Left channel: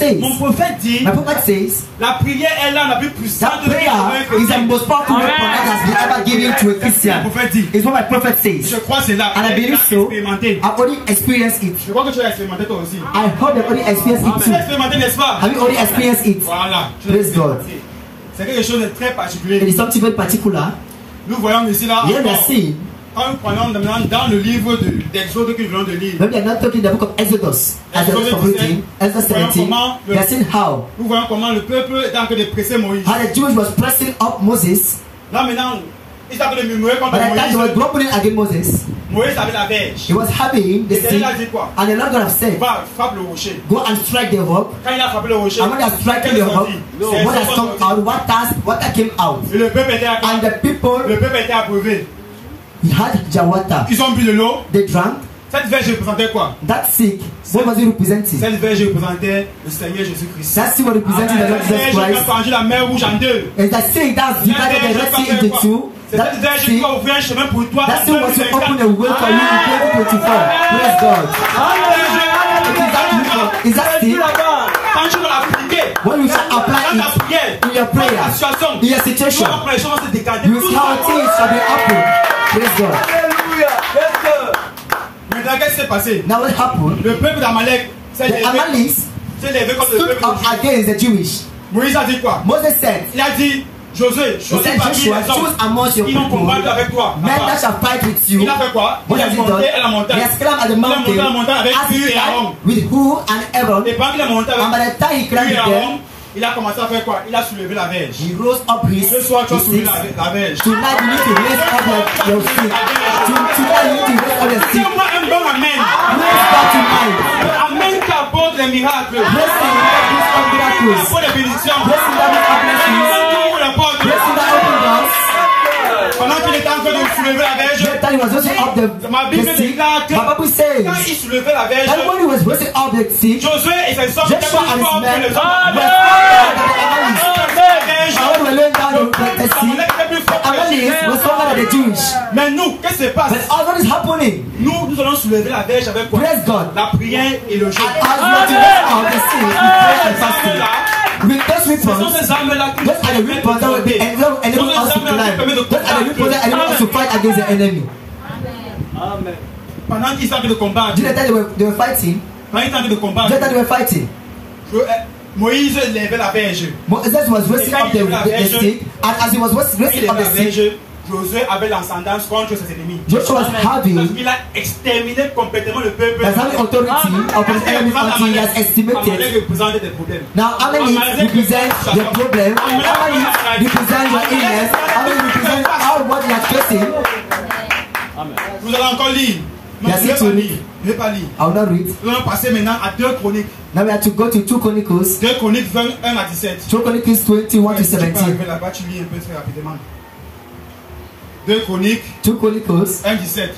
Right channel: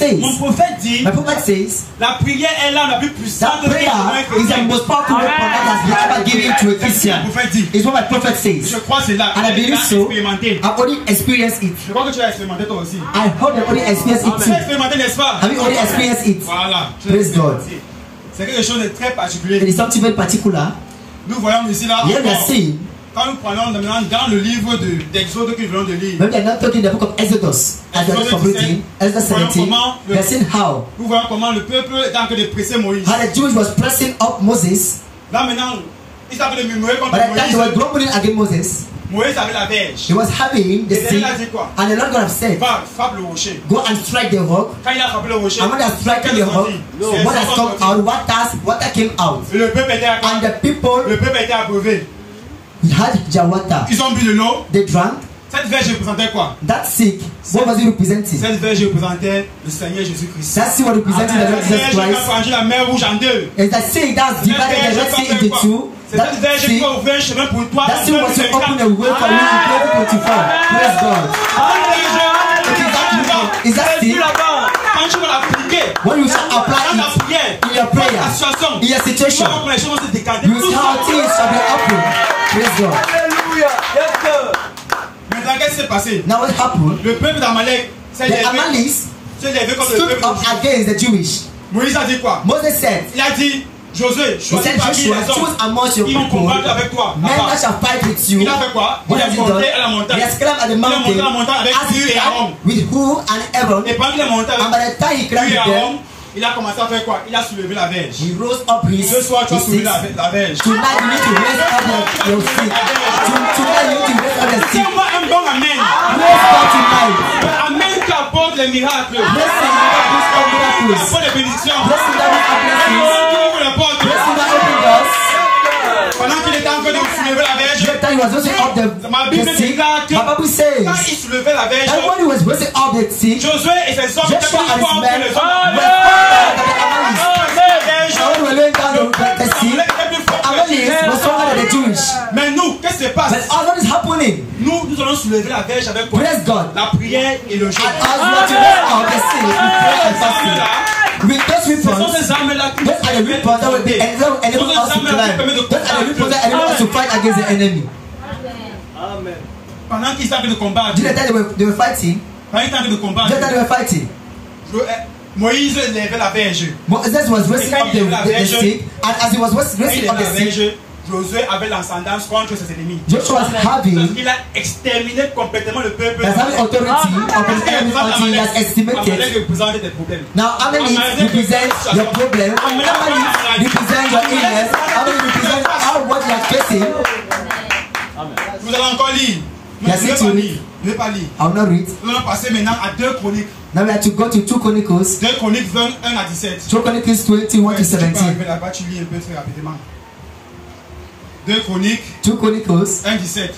says, mon prophète dit, my prophet says, la prière est l'arme la plus puissante that prayer is the most powerful weapon that has been ever given to a Christian. It's what my prophet says. Je crois c'est là. And I believe so. I've already experienced it. Je crois que tu as expérimenté toi aussi. I heard you already experienced it Tu as too. expérimenté, n'est-ce pas? Have you already experienced it? Voilà. Praise God. C'est quelque chose de très particulier. It is something very particular. Nous voyons ici là. Here we are seeing, Quand nous prenons maintenant dans le livre d'Exode que nous venons de lire. when we are not talking the book of Exodus, as we are completing, Exodus 17, we are seeing how Nous voyons comment le peuple est en train de presser Moïse. the Jews was pressing up Moses, Là maintenant, ils sont en train de murmurer contre but at that time they were Moïse. grumbling against Moses. Moïse avait la verge. He was having the Et sea, il a dit quoi? and the Lord God have said, Va, frappe le rocher. go and strike the rock. Quand il a frappé le rocher, And when they struck qu'est-ce the qu'on rock, dit? when they come out, water came out. Et le peuple était And the people abreuvé. had their water. Ils ont bu de l'eau. They drank. Cette verge représentait quoi? That sick, what was it representing? Cette verge représentait le Seigneur Jésus-Christ. That sea was representing the Lord Cette Jesus verge qui a Christ. fendu la mer rouge en deux. Is that sea that's divided the Red Sea into two? C'est cette verge qui va ouvrir un chemin pour toi. That sea was to open a way for you in 2024. Praise God. Is that sea? Quand tu vas l'appliquer, When you shall apply dans ta prière, it in your prayer, in your situation, les choses vont se décanter. you will see how things shall be open. Praise God. Maintenant, qu'est-ce qui s'est passé? Now what happened? Le peuple d'Amalek s'est The levé Amalekites contre le stood peuple up juif. against the Jewish. Moïse a dit quoi? Moses said, Il a dit, Josué, he choisis said, parmi Joshua, les choose hommes. amongst your Ils vont people combattre avec toi. men là-bas. that shall fight with you. Il a fait quoi? What Il has a he monté à la done? montagne. He has climbed at the Il a monté mountain à la montagne avec as Dieu he et Aaron. climbed with who and Aaron. Et pendant qu'il est monté avec And by the time he Dieu climbed et with Aaron, them, il a commencé à faire quoi? Il a soulevé la verge. he rose up his Ce soir, tu as soulevé sticks. la verge. Tonight you need to raise up your feet. Tonight you need to raise up your feet. Dis-moi un bon amen. Raise up tonight. Amen qui apporte les miracles. Blessing that brings up miracles. Apporte les bénédictions. Blessing that brings up blessings. Ouvre les portes. Blessing that open doors. Pendant qu'il était en train de soulever la verge, The time he was raising up ma the Bible stick, déclare que my Bible says quand il soulevait la verge, that when he was raising up the stick, Josué et ses hommes étaient Joshua plus and his forts que men les were hommes. when we were laying down the sea, Amalekites was stronger than the Jewish. Mais nous, qu'est-ce qui se passe? But all what is happening? Nous allons soulever la verge avec quoi? Praise God. La prière et le jeûne. As we are to raise up the sea, we pray and fasting. With those Ce sont weapons, ces armes-là qui those are the weapons that will enable us to climb. Those are the weapons that enable us to fight against the enemy. Amen. Pendant qu'ils sont en train de combattre, During the time they were fighting, pendant qu'ils sont en train de combattre, during the time they were fighting, Moïse levait la verge. Moses was raising up the stick, and as he was Quand il raising up levait the la stick, verge, Josué avait l'ascendance contre ses ennemis. Joshua was having Parce qu'il a exterminé complètement le peuple. has having authority of his enemies until he has estimated. Amalek représente des problèmes. Now, Amalekites represent the problem. Amalekites represent your illness. Amalekites represent how what you are facing. Nous allons encore lire. Non, Yes, je ne it's vais pas read. lire. Je ne vais pas lire. I will not read. Nous allons passer maintenant à 2 Chroniques. Now we have to go to 2 Chronicles. 2 Chroniques 1 à 17. 2 Chronicles 21 to Si tu peux 17. arriver là-bas, tu lis un peu très rapidement. 2 Chroniques 2 Chronicles. 1 17.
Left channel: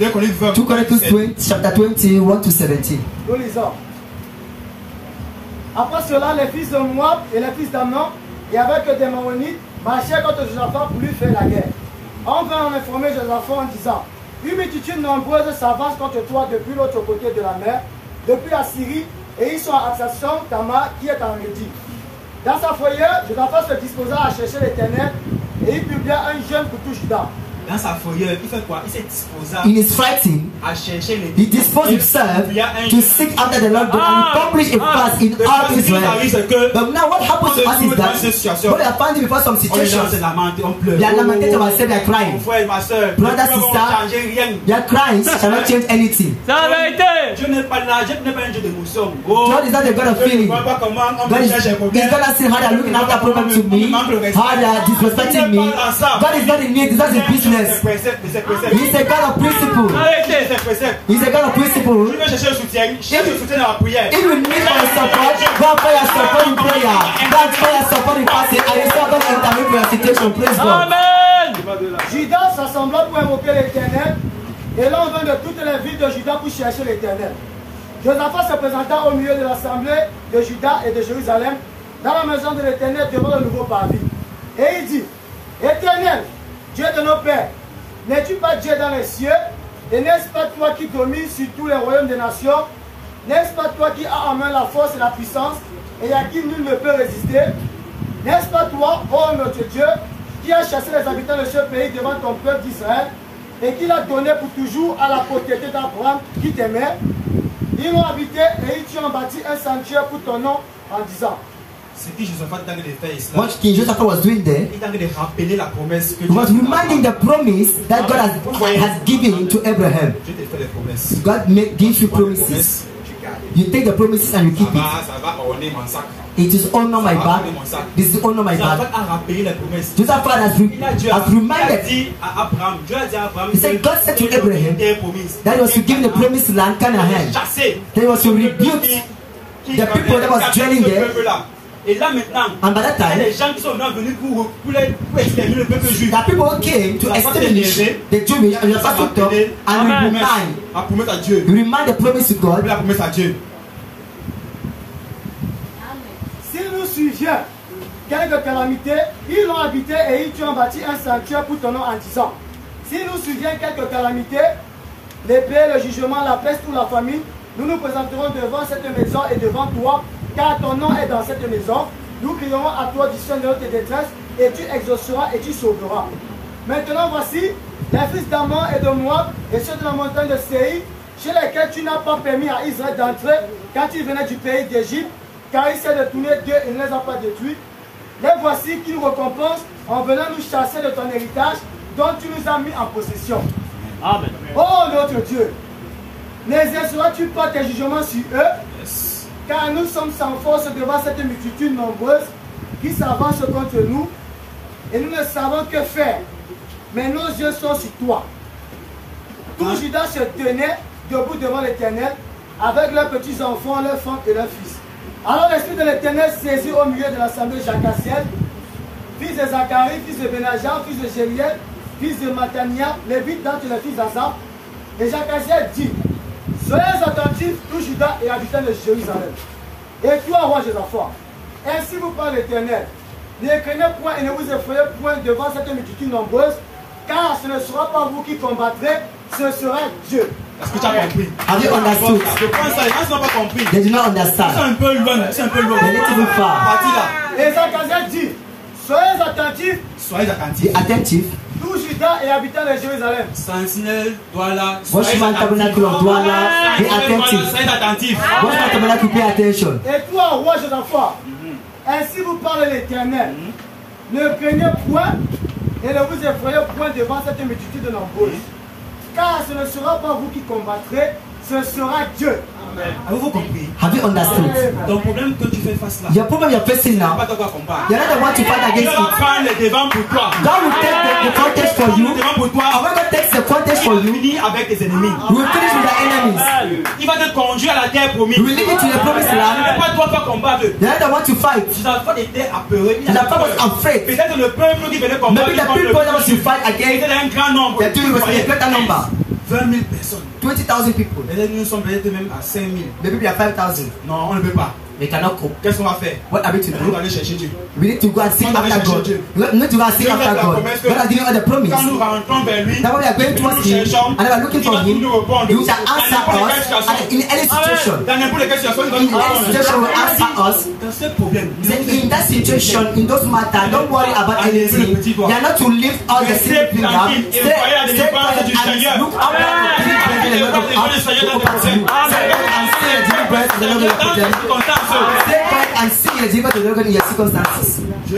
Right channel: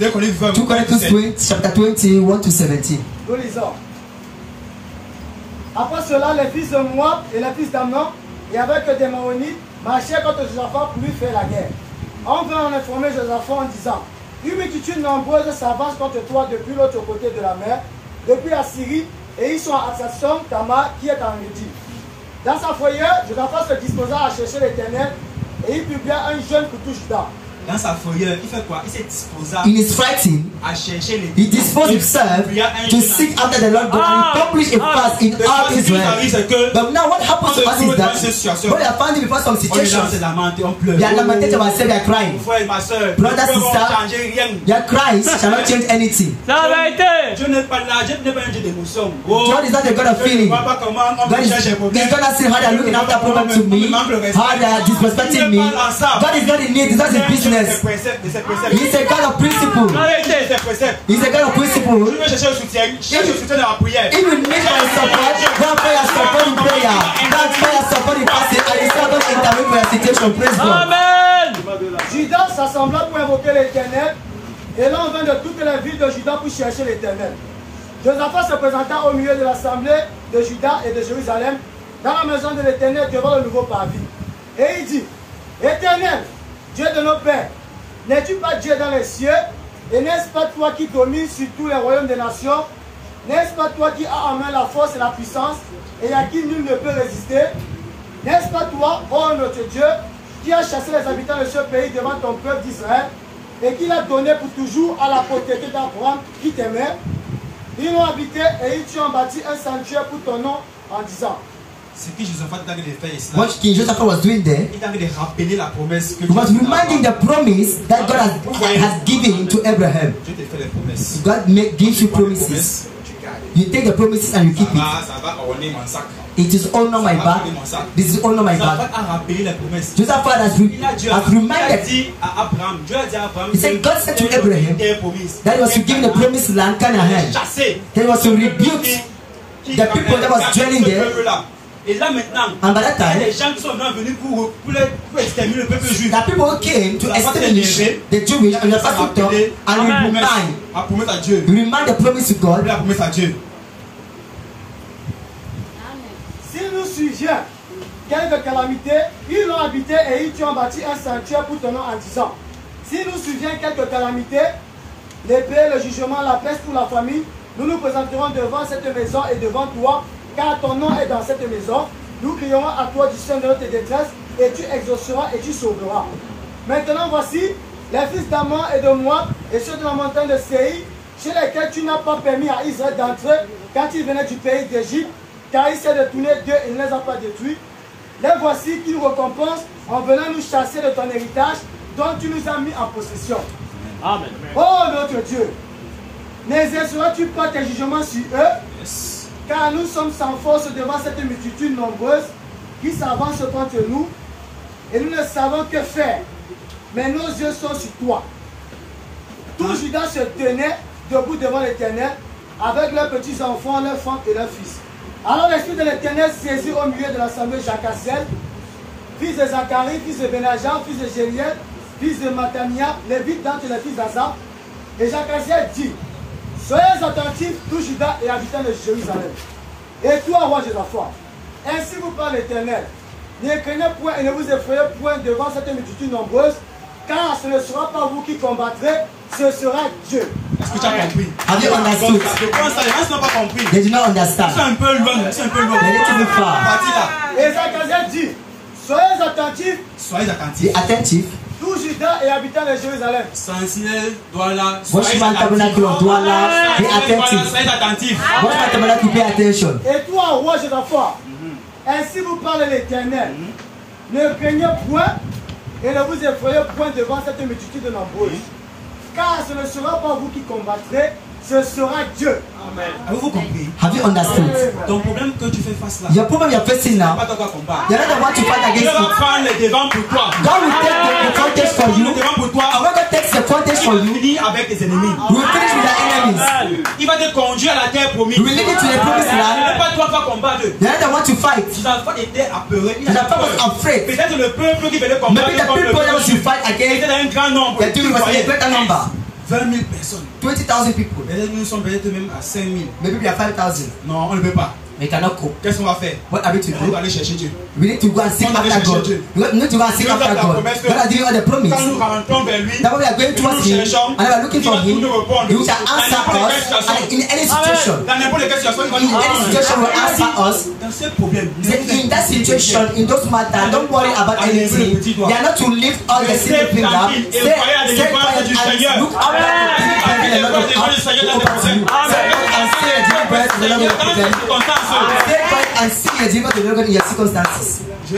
2 Chroniques 20. 2 Chronicles 20, chapter 21 to 17. Nous lisons. Après cela, les fils de Moab et les fils d'Amnon, et avec des Maonites, marchaient contre Josaphat pour lui faire la guerre. On vint en informer Josaphat en disant: une multitude nombreuse s'avance contre toi depuis l'autre côté de la mer, depuis la Syrie, et ils sont à Hatsasson Tamar, qui est en Médie. Dans sa foyer, Josaphat se disposa à chercher l'Éternel, et il publia un jeûne pour tout Juda. Dans sa foyer, il fait quoi? Il s'est disposé In his fighting, à chercher les. he disposed himself to seek after the Lord, but he accomplished a fast in all Israel. But now what happens to us is that when we are finding before some On est situations, dans lamenté, on pleure. they are lamenting ourselves, they are Mon crying. frère, ma soeur, Brother, ne sister, changer rien. Their cries shall not change anything. Dieu n'est pas là, Dieu n'est pas un Dieu de nous sommes. God is not the God of Je ne feeling. vois pas comment on God peut is chercher un problème. not saying how they are looking after problems to me, how they are disrespecting me. God is not in need, it's not his business. He's a God of principle. He's a God of principle. Tu veux chercher le soutien, cherche le soutien dans la prière. If you need my support, go and pray your support in prayer. Go and pray your support in fasting, and it's not going to intervene for your situation. Praise God. Judas s'assembla pour invoquer l'Éternel, et l'on vint de toutes les villes de Juda pour chercher l'Éternel. Josaphat se présenta au milieu de l'assemblée de Juda et de Jérusalem, dans la maison de l'Éternel devant le nouveau parvis. Et il dit: Éternel, Dieu de nos pères, n'es-tu pas Dieu dans les cieux, et n'est-ce pas toi qui domines sur tous les royaumes des nations? N'est-ce pas toi qui as en main la force et la puissance et à qui nul ne peut résister? N'est-ce pas toi, ô notre Dieu, qui as chassé les habitants de ce pays devant ton peuple d'Israël et qui l'a donné pour toujours à la postérité d'Abraham qui t'aimait? Ils l'ont habité et ils t'ont bâti un sanctuaire pour ton nom en disant. Ce que Josaphat était en train de faire ici, What King Josaphat was doing there, il était en train de rappeler la promesse que he was reminding the promise that God has given to Abraham. Dieu te fait des promesses. God gives you promises. Tu gardes. You take the promises and you keep it. Ça va orner mon sac. It is all on my back. This is all on my Josaphat back. a rappelé les promesses. Josaphat has reminded. dit à Abraham, Dieu a dit à Abraham, He said, God said to Abraham that he was to give the promised land, Canaan. chasser. That he was to rebuke the people that was dwelling there. Et là maintenant, And by that il y a time, des gens qui sont venus pour exterminer le peuple juif. the people came to establish the Jewish and the Pastor and La promesse à Dieu. remind the promise to God. La promesse à Dieu. Si nous suivions quelques calamités, ils l'ont habité et ils t'ont bâti un sanctuaire pour ton nom en disant. Si nous suivions quelques calamités, l'épée, le jugement, la peste ou la famine, nous nous présenterons devant cette maison et devant toi, car ton nom est dans cette maison. Nous crierons à toi du sein de notre détresse, et tu exauceras et tu sauveras. Maintenant voici les fils d'Ammon et de Moab, et ceux de la montagne de Séir, chez lesquels tu n'as pas permis à Israël d'entrer quand il venait du pays d'Égypte, car il s'est détourné d'eux et ne les a pas détruits. Les voici qui nous récompensent en venant nous chasser de ton héritage, dont tu nous as mis en possession. Amen. Oh notre Dieu, n'exerceras-tu pas tes jugements sur eux? Yes. Car nous sommes sans force devant cette multitude nombreuse qui s'avance contre nous et nous ne savons que faire. Mais nos yeux sont sur toi. Tout Judas se tenait debout devant l'Éternel avec leurs petits enfants, leurs femmes et leurs fils. Alors l'Esprit de l'Éternel saisit au milieu de l'assemblée Jacassiel, fils de Zacharie, fils de Benajan, fils de Jéliel, fils de Matania, lévite d'entre les fils d'Azaph. Et Jacassiel dit, soyez attentifs, tout Judas et habitants de Jérusalem. Et toi, roi Josaphat, ainsi vous parle l'Éternel. Ne craignez point et ne vous effrayez point devant cette multitude nombreuse, car ce ne sera pas vous qui combattrez, ce sera Dieu. Est-ce que tu as compris? Have you understood? Je pense que ça, ils n'ont pas compris. They do not C'est understand. un peu loin, c'est un peu loin. They need to be far. Parti là. Et Zacharie dit, soyez attentifs, Soyez attentifs. Be attentive. tout Judas et habitants de Jérusalem. Sentinelle, Douala, Watchman tabernacle of Douala, be attentive. soyez attentifs. Watchman tabernacle, pay attention. Et toi, roi Josaphat, ainsi vous parle l'Éternel. Ne craignez point et ne vous effrayez point devant cette multitude nombreuse. Car ce ne sera pas vous qui combattrez, ce sera Dieu. Avez-vous compris? Have you understood? Ton problème que tu fais face là, Your problem you're facing pas now, de quoi combattre. you're not the one to fight Dieu against va it. prendre les devants pour toi. God will take the contest for Le you. devant pour toi. And when God takes the contest Il for va you, finir avec tes ennemis. you will finish with the enemies. Il va te conduire à la terre promise. You will lead you to the promised Ce land. n'est pas toi qui vas combattre. You're not the one to fight. Josaphat était apeuré. Il And avait the was peur. afraid. Peut-être le peuple qui venait combattre Maybe the contre le people that peuple was to juif fight était against un grand nombre. the two was a greater number. 20 000 personnes. 20,000 people. Peut-être nous sommes peut-être même à 5 000. Maybe we are 5,000. Non, on ne peut pas. They cannot cope. Qu'est-ce qu'on va faire? What are we to On do? va aller chercher Dieu. We need to go and seek On va aller after God. chercher Dieu. We need to go and seek Dieu after fait la God. promesse que God has given us the quand nous promise. rentrons vers lui, That when we are going nous towards nous Him cherchons, and we are looking il for va Him, nous répondre. He shall Dans answer n'importe quelle us situation. and in any situation. Dans n'importe quelle situation, il va In nous any répondre. situation, will answer us. Dans ce problème, Say, in that situation, in those matters, don't worry about anything. You are not to lift all the single finger. Stay quiet and look up and the Lord will answer you. And see the deliverance of the Lord will present. Stay quiet and see the deliverance of the Lord in your circumstances. Je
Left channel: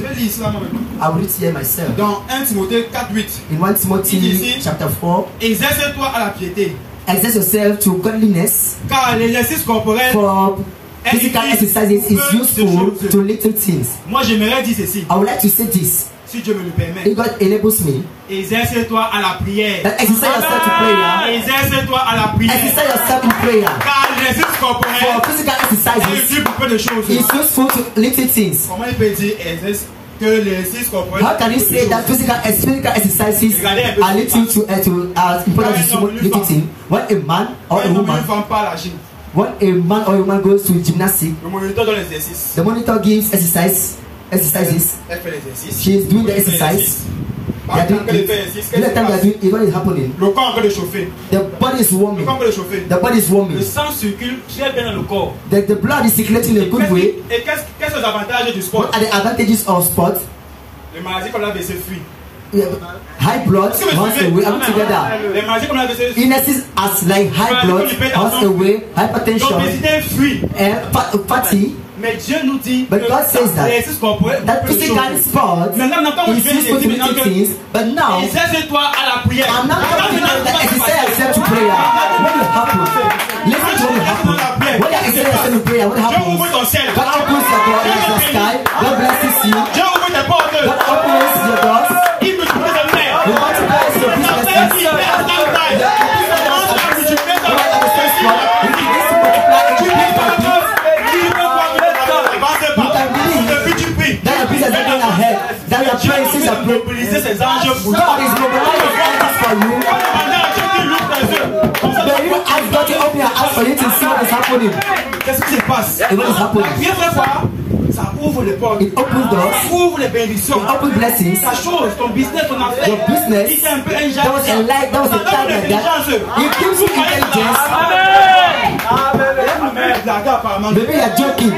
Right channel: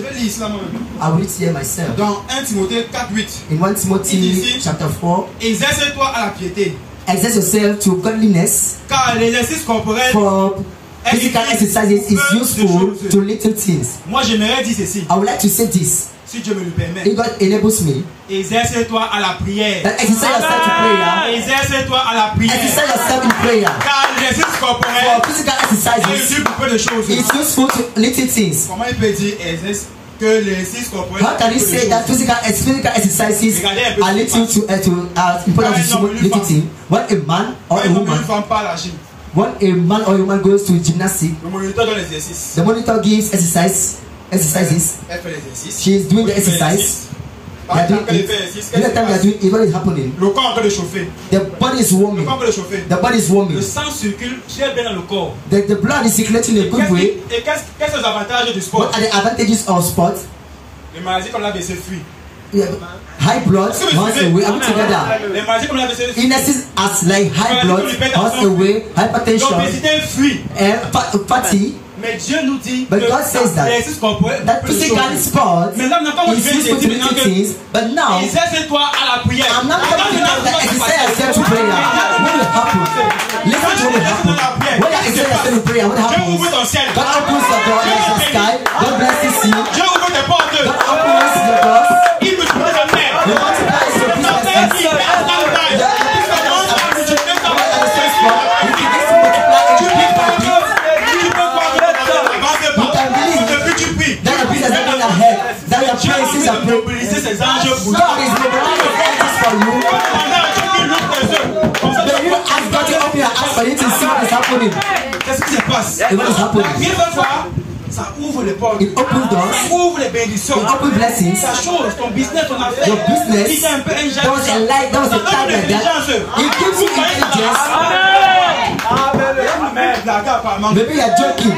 vais lire cela moi-même. I will read here myself. Dans 1 Timothée 4:8. In 1 Timothy chapter 4, Exerce-toi à la piété, exert yourself to godliness, car l'exercice corporel. for physical exercises is useful to little things. Moi, j'aimerais dire ceci. I would like to say this. Si Dieu me le permet. If God enables me, Exerce-toi à la prière. that exercise yourself to prayer. Exerce-toi à la prière. Exercise yourself in prayer. Car l'exercice corporel For physical est exercises, utile pour peu de choses. it's useful to little things. Comment il peut dire que l'exercice corporel How can you say that physical exercises are little to important to little thing? When a man or a Une woman, femme part à la gym. when a man or a woman goes to gymnastics, Le moniteur donne l'exercice. the monitor gives exercises. Elle fait l'exercice. She is doing the exercise. Par exemple, quand il fait ainsi, qu'est-ce qui se passe? What is happening? Le corps est en train de chauffer. The body is Le warming. corps est en train de chauffer. The body is warming. Le sang circule très bien dans le corps. The blood is circulating in a good way. Et qu'est-ce que les avantages du sport? What are the advantages of sports? Les maladies comme l'AVC fuient. High blood runs away. Are we together? Les maladies comme l'AVC fuient. Illnesses as like high blood runs away, hypertension, L'obésité fuit. and fatty. Mais Dieu nous dit But God says that physical sport mais là, on n'a pas is useful to do things, but now exerce-toi à la prière. I'm not talking about the exercise yourself to prayer. What will happen? Listen to what will happen. When you exercise yourself to prayer, what Dieu happens? ouvre ton ciel. God opens your door in the sky. God blesses you. Dieu ouvre tes portes. God opens your doors. Il peut trouver des mères. He multiplies your businesses. That your praises are mobiliser ses anges pour God is mobilizing angels for you. Then you ask God to open your eyes for you to see what is happening. Qu'est-ce qui se passe? And what is happening? Bien fait quoi? Ça ouvre les portes. It opens doors. Ça ouvre les bénédictions. It opens blessings. Ça chose, ton business, ton affaire. Your business. Il y a un peu un There was a light. There was a time like that. It gives you intelligence. Maybe you are joking.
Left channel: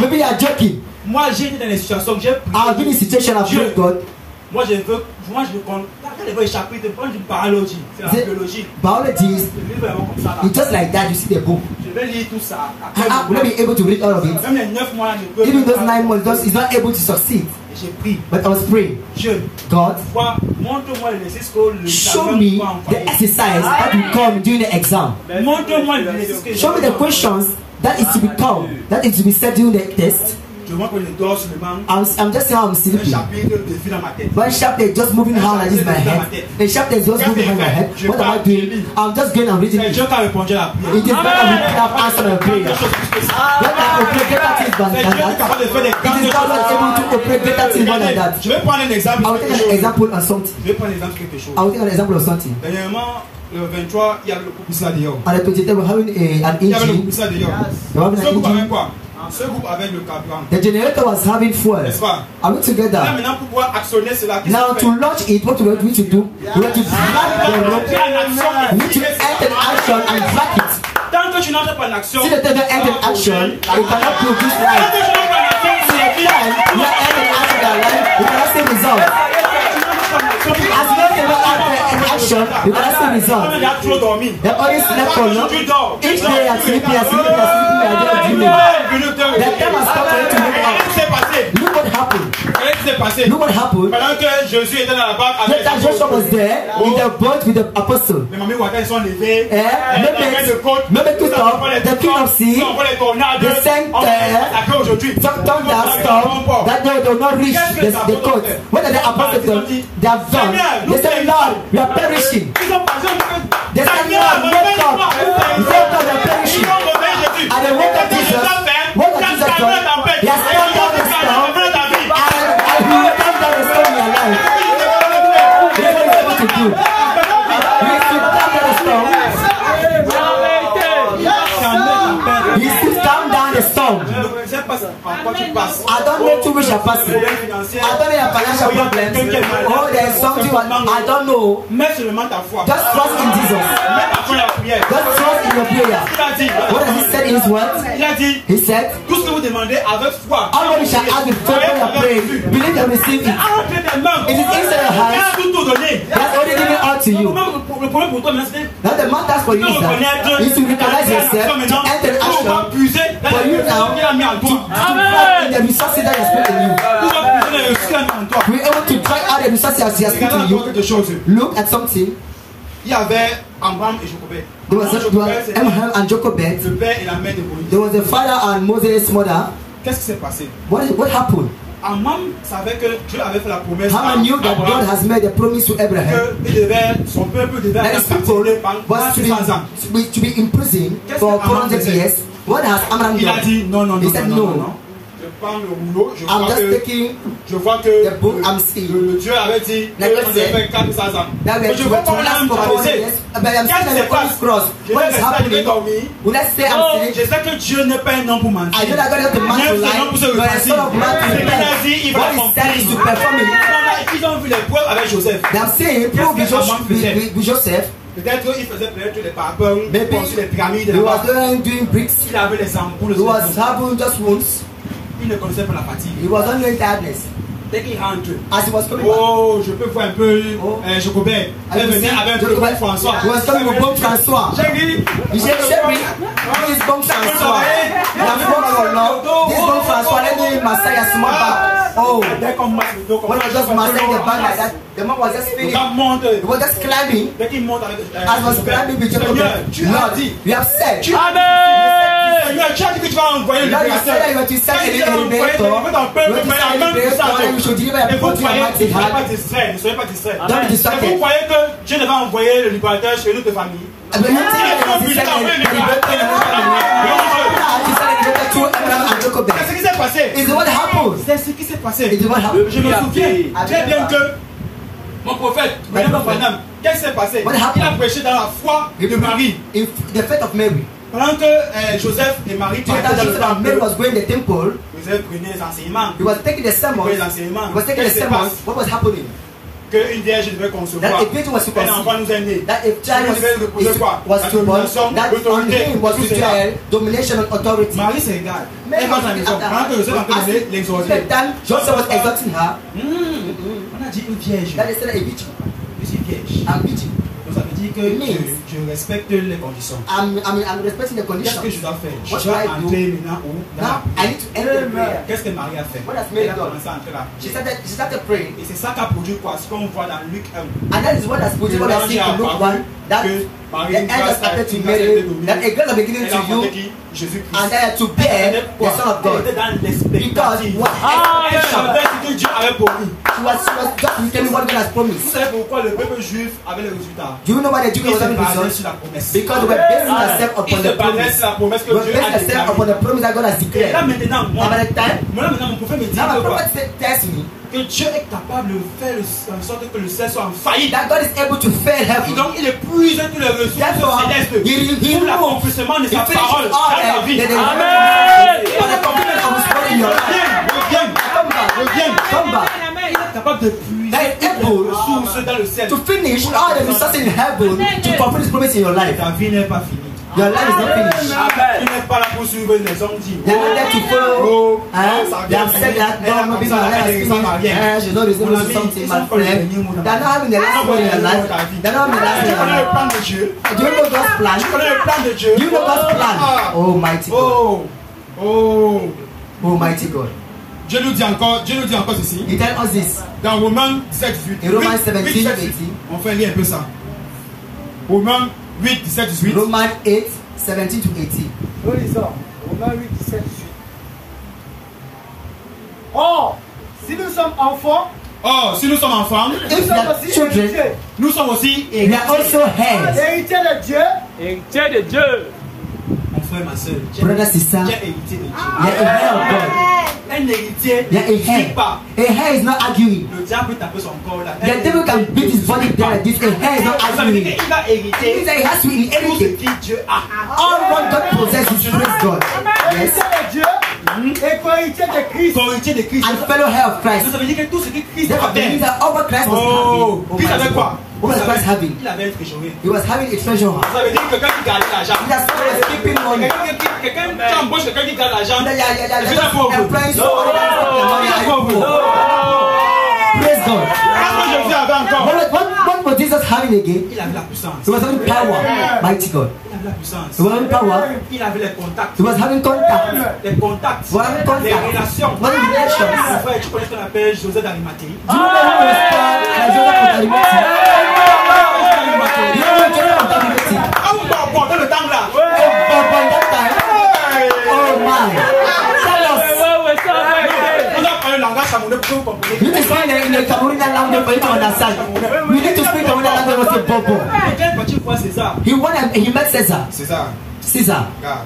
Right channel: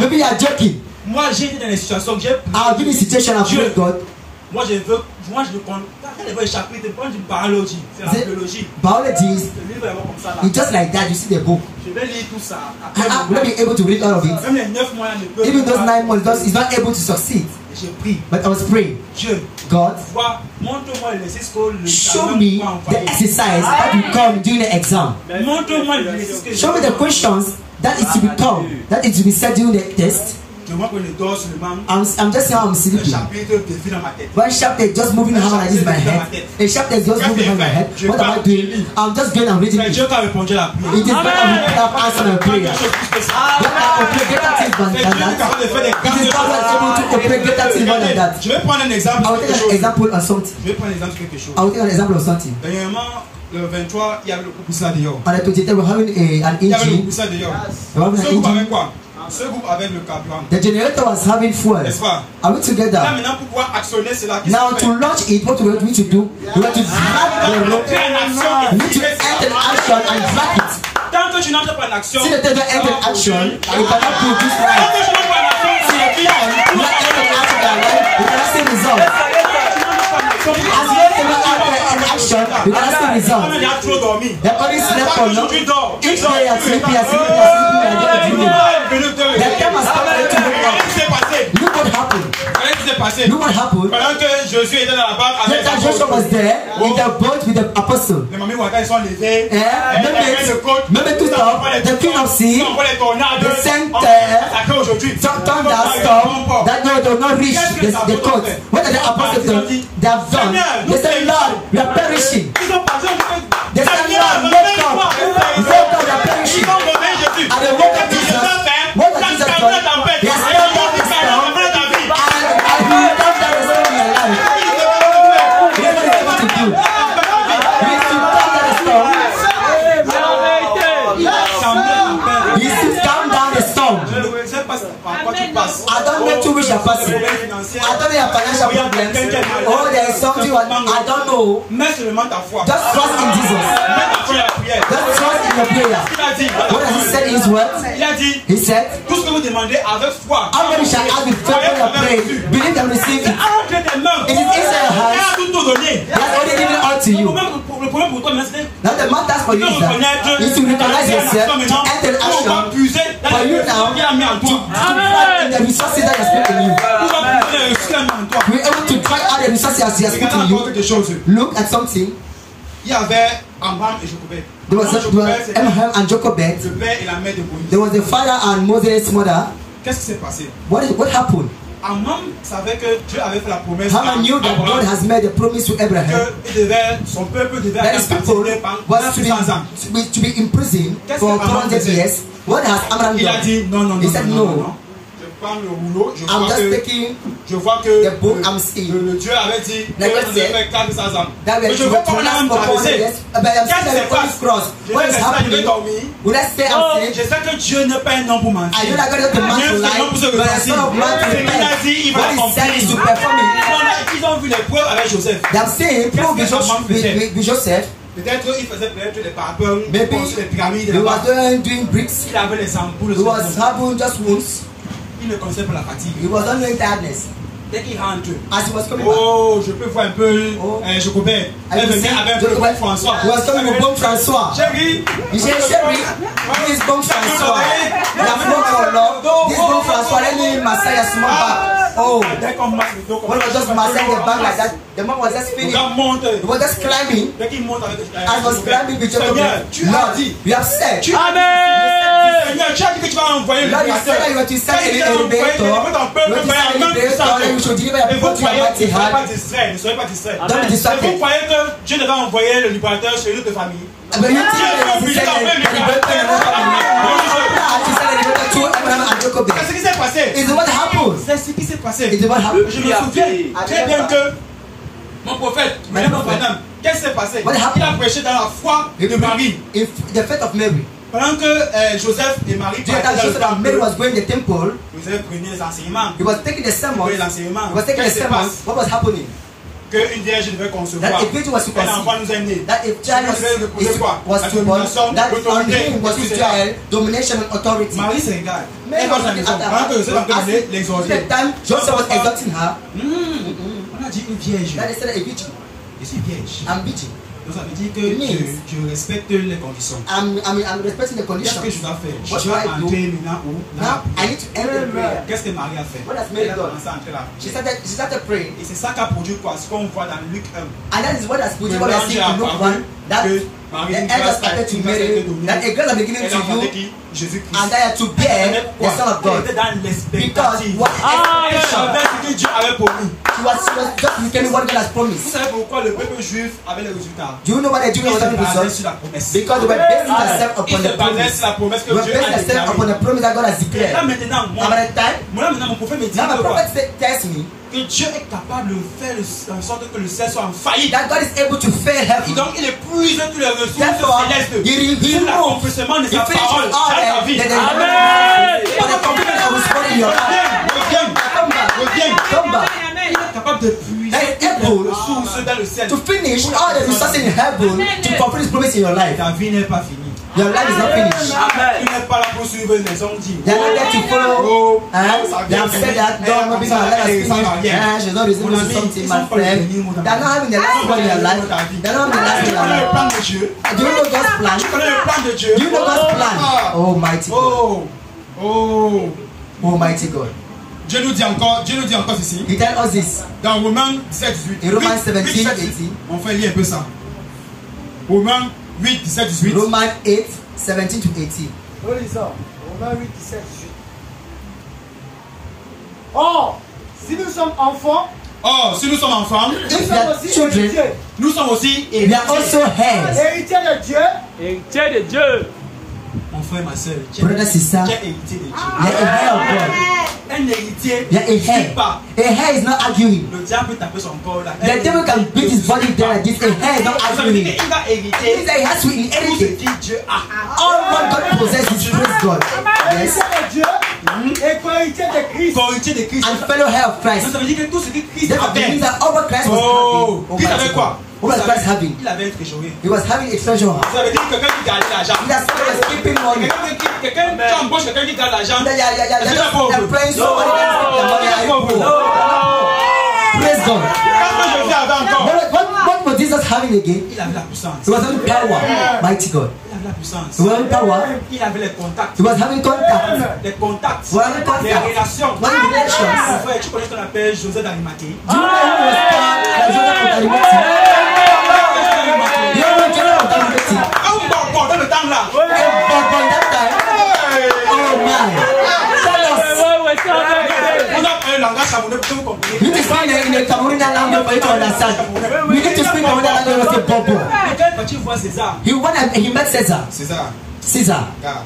Maybe you are joking. Moi, j'ai été dans des situations que j'ai. I'll give you a situation of God. Moi, je veux quand il veut échapper, tu prends du biologie, c'est la biologie. Biology is just like that. You see the book. Je vais lire tout ça. I'm not be able to read all of it. Même les 9 mois, je peux. Even those 9 months, he's not able to succeed. J'ai pris. But I was praying. Dieu, God, montre-moi l'exercice que show me the exercise that will come during the exam. Montre-moi l'exercice que show me the questions that is to be come, that is to be said during the test. I'm just saying I'm sleeping. One chapter just moving around like this in my head. A chapter is just moving around my head. What am I doing? I'm just going and reading it. It is better we have answered my prayer. Get that thing than that. It is better able to operate greater things more than that. Je vais prendre un exemple. I will take an example of something. Je vais prendre un exemple de quelque chose. I will take an example of something. Dernièrement, le 23, il y avait le groupe Issa dehors. On the 23, we're having an Il y avait le engine. groupe Issa dehors. We're having Ce an groupe engine. avec quoi? Ce groupe avec le carburant. The generator was having fuel. N'est-ce pas? Are we Là together? maintenant, pour pouvoir actionner cela, Now to launch it, what we need to do? We have to drag the rope. We need to enter action and drag it. Tant que tu n'entres pas en action, See the thing that enter action, it cannot produce life. tant que tu n'entres pas en action, See the thing that enter action that life, it cannot see result. As long as you enter action, you cannot see result. il a trop dormi. They only slept for long. Each day are sleeping, are sleeping, are sleeping, are dreaming. The time has come for you to wake up. Look what happened. Look what happened. Pendant que Jésus était dans la barque avec Later Joshua was there in the boat with the apostle. les mamies Ouattara sont levées. Maybe to stop the king of sea, the center, thunderstorm, that they will not reach the coast. What are the apostles done? They have done. They said, Lord, we are perishing. They said, Lord, wake up. They said, Lord, we are perishing. And they woke up Jesus. What did Jesus do? He has come down the storm. And he will come down the storm in your life. What are you able to do? He is to come down the storm. He is to calm down the storm. I don't know to which you're passing. I don't know your financial problems. Oh, there is something I don't know. Just trust in Jesus. Just trust in your prayer. What does he say in his words? He said, how many shall ask with faith when you pray? Believe and receive it. It is inside your hands. He has already given it all to you. Now the matter for you is that you should recognize yourself to enter action for you now to drag the resources that is put in you. To be able to drag out the resources he has put in you. Look at something. Il y avait Abraham et Jochebed. There was Abraham and Jochebed. Le père et la mère de Moïse. There was the father and Moses' mother. Qu'est-ce qui s'est passé? What happened? Abraham savait que Dieu avait fait la promesse. Haman knew that God has made a promise to Abraham. Que son peuple devait That his people was to be imprisoned for 400 years. What has Abraham Il a done? dit non, non, non. He said no. prends le rouleau, je I'm vois just que taking le the book. I'm seeing. le Dieu avait dit qu'on devait faire 400 ans. That Mais we je vois pas l'âme traverser. but I'm seeing the Holy Cross. What is Je vais happening? dormir. When I say I'm Je saying, sais que Dieu n'est pas un homme pour mentir. I know that God is the man to lie, but the Son of Man to repent. What he said is to perform it. Ils ont vu les preuves avec Joseph. I'm saying, prove with Joseph. Peut-être qu'il faisait peut-être des parapluies, Maybe les pyramides. he was doing bricks. Il avait les ampoules. He was having just wounds. Il ne connaissait pas la fatigue. He was only in tiredness. Dès qu'il rentre, As he was coming back, oh, je peux voir un peu Jacobin. Elle venait avec un peu de François. he was coming with Bon François. Chérie, He said, Sherry, who is Bon François? La foi, Lord, this Bon François, let me massage a small back. Oh, dès qu'on marche le dos, when I just massaging the back like that, the man was just feeling, he was just climbing. dès qu'il monte avec As he was climbing with Jacob, Lord, you have said, Seigneur, tu as dit que tu vas envoyer le Lord, you said that you were to send an elevator, you were to send an elevator, and you should deliver your people to your mighty hand. Ne soyez pas distrait. Don't be Et distracted. vous croyez que Dieu ne va envoyer le libérateur chez notre famille? And when you think that he was to send an elevator to another family, he sent an elevator to Abraham and Jacob. C'est ce qui s'est passé. Is what happened? C'est ce qui s'est passé. Is what happened? Je me souviens très bien que mon prophète, qu'est-ce qui s'est passé? Il a prêché dans la foi de Marie. In the faith of Mary. Pendant que Joseph et Marie During that Joseph and Mary was going to the temple, Joseph prenait les enseignements. he was taking the sermon. He was taking the sermon. What was happening? Qu'une vierge devait concevoir. That a virgin was to Un enfant conceive. nous est né. That a child was to born. That on him was to dwell domination and authority. Marie se regarde. Mary Elle was va à la maison. looking at Pendant que Joseph her. a donné l'exhorter. The time Joseph was exalting her, On a dit une vierge. that they said a virgin. Je suis vierge. I'm virgin. Donc ça veut dire que je respecte les conditions. I'm respecting the Qu'est-ce que je conditions. dois faire? What Je dois should I do? entrer maintenant où? Now I need to end the prayer. Qu'est-ce que Marie a fait? What has Mary Elle a done? commencé à entrer là. She started praying. Et c'est ça qu'a produit quoi? Ce qu'on voit dans Luc 1. And that is what has put what I see in Luke 1, that the angels started to Mary, that a girl are beginning to you, and they are to bear the Son of God. Because what Elle savait ce que Dieu avait promis. she was just looking what God has Vous promised. savez pourquoi le peuple juif avait les résultats? Do you know why the Jews Ils se have basaient results? sur la promesse. Because they were basing themselves Ils upon se the basaient promise. sur la promesse They que were Dieu basing a themselves upon déclarée. the promise that God has Et là declared. maintenant, Now by the time, moi maintenant mon prophète me dit now my que quoi? prophet tells me Que Dieu est capable de faire en sorte que le ciel soit en faillite. that God is able to fail Et heaven. donc il épuise toutes les ressources Therefore, célestes he pour removed, l'accomplissement de he sa finished parole all dans ta vie. Amen. For the completion of his word in your life. Reviens, Come back. reviens. Come back. Il est capable de puiser That is toutes les able ressources dans le ciel. to finish all the resources in heaven to complete his promise in your life. Ta vie n'est pas finie. Your life is not finished. Tu n'es pas là pour suivre les hommes dits. They are not there to follow. They have said that don't maybe my life is finished. She's not receiving something, my friend. They are not having the last one in your life. They are not having the last Tu one in connais your le plan life. de Dieu. Do you know God's plan? Tu connais le plan de Dieu. Do you know God's plan? Oh, mighty God. Oh, oh. Oh, mighty God. Dieu nous dit encore ceci. He tell us this Dans Romains 17, 18. in Romans 17, 18. On fait lire un peu ça. Romains 8, 17, 18. Romans 8, 17 to 18. Nous lisons Romains 8, 17, 18. Or, si nous sommes enfants, Oh, si nous sommes enfants, If nous you sommes are aussi children, héritiers. nous sommes aussi we are also heirs. Héritiers de Dieu, Héritier de Dieu. Mon frère, ma soeur, Brother, sister, tu es héritier de Dieu. you are a heir of God. Un héritier You are a ne dit heir. pas. A heir is not arguing. Le diable peut taper son corps là. The devil can beat his body there like this. A hair is not Ça veut dire arguing. qu'il va It hériter means that he has to tout ce inherit que Dieu a. all what God possesses. Praise God. Yes. héritier de Dieu et co-héritier de Christ. Héritier de Christ. And fellow heir of Christ. Ça veut dire que tout ce que Christ Therefore, avait. means that all what Christ was Oh, having. Christ Almighty avait quoi? God. What was Christ having? Il avait un trésorier. He was having a treasure house. Ça veut dire que quelqu'un qui garde l'argent. He was keeping money. Quelqu'un qui embauche quelqu'un qui garde l'argent. Yeah. Est-ce qu'il est pauvre? Employing somebody that's keeping the money and poor. Praise God. Qu'est-ce que Jésus avait encore? What was Jesus having again? Il avait la puissance. He was having power. Mighty God. Il avait la puissance. He was having power. Il avait les contacts. He was having contact. Les contacts. He was having Les contact. relations. He was having relations. Mon frère, tu connais ce qu'on appelle Joseph d'Arimathée? Do you know who was called by Joseph of Arimathea? You know Joseph of Arimathea? Bon, dans le temps là. But that time, oh my. On a un langage camerounais pour que vous compreniez. You need to find in the Cameroonian language for you to understand. We need to speak Cameroonian language was a bobo. Quel petit fois César? He met Caesar. César. Caesar. Car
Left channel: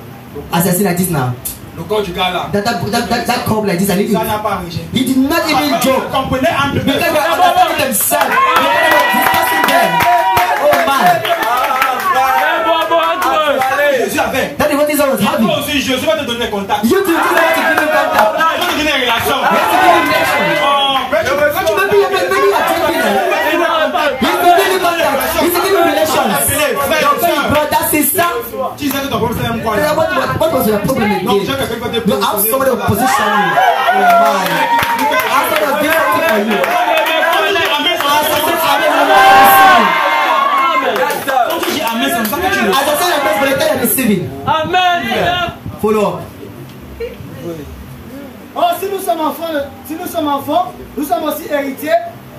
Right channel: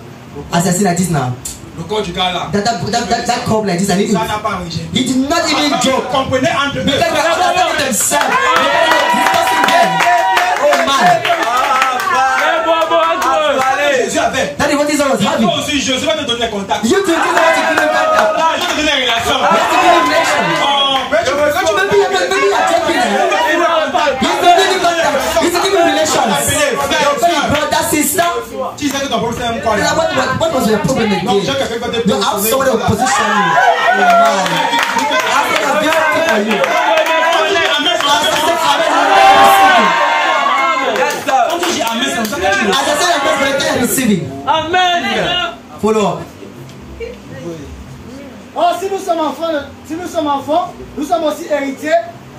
As I see like this now. Le corps du gars là. That come like this, and Ça n'a pas arrangé. he did not even joke. Comprenez entre eux. Because they understand themselves. Discussing them. Oh man. Jésus avait. That is what Jesus was having. Toi aussi, Jésus va te donner contact. You too, Jesus want to give him contact. Je vais te donner une relation. You have to give him connection. Mais tu But you maybe you're joking. He's to give him contact. He's to give him relations. So you brother, sister. tu sais que ton problème c'est un quoi là. What was your problem again? Donc j'ai quelqu'un qui va te You have somebody to position you. Oh man. After the best thing for you. As I say, I'm receiving. Amen. Follow up. Or, si nous sommes enfants, nous sommes aussi héritiers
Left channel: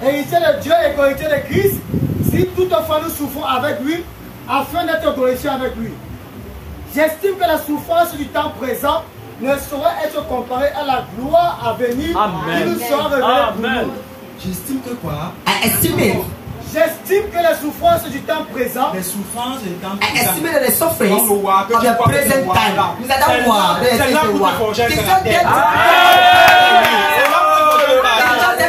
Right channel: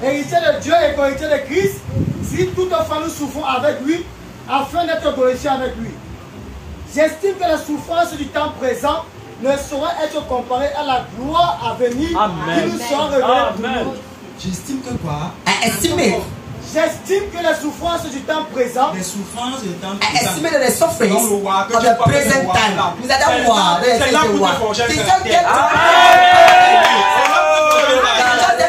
de Dieu et co-héritiers de Christ, si toutefois nous souffrons avec lui, afin d'être glorifiés avec lui. J'estime que la souffrance du temps présent ne saurait être comparée à la gloire à venir qui nous sera révélée pour nous. J'estime que quoi? I estimate. J'estime que la souffrance du temps présent, Les souffrances du temps I présent. estimate that the sufferings of the present time. Is that that war? C'est là pour te forger It's un not there caractère.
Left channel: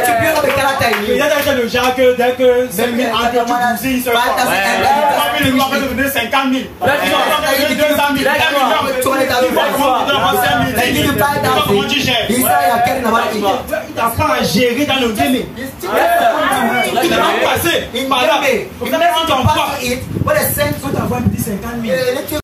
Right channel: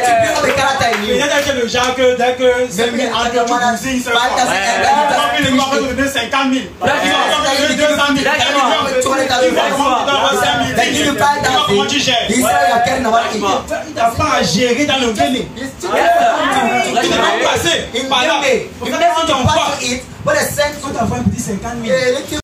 to build up a character in you. Il y a le genre que dès que c'est mis entre tout bousiller, il se passe. Il va te donner 50 000. Il va te donner 200 000. Comment tu gères? Il n'a pas à gérer dans le gaming. Il n'a pas passé par là. Quand ton pas, What a sense. tu vas avoir un petit 50 000.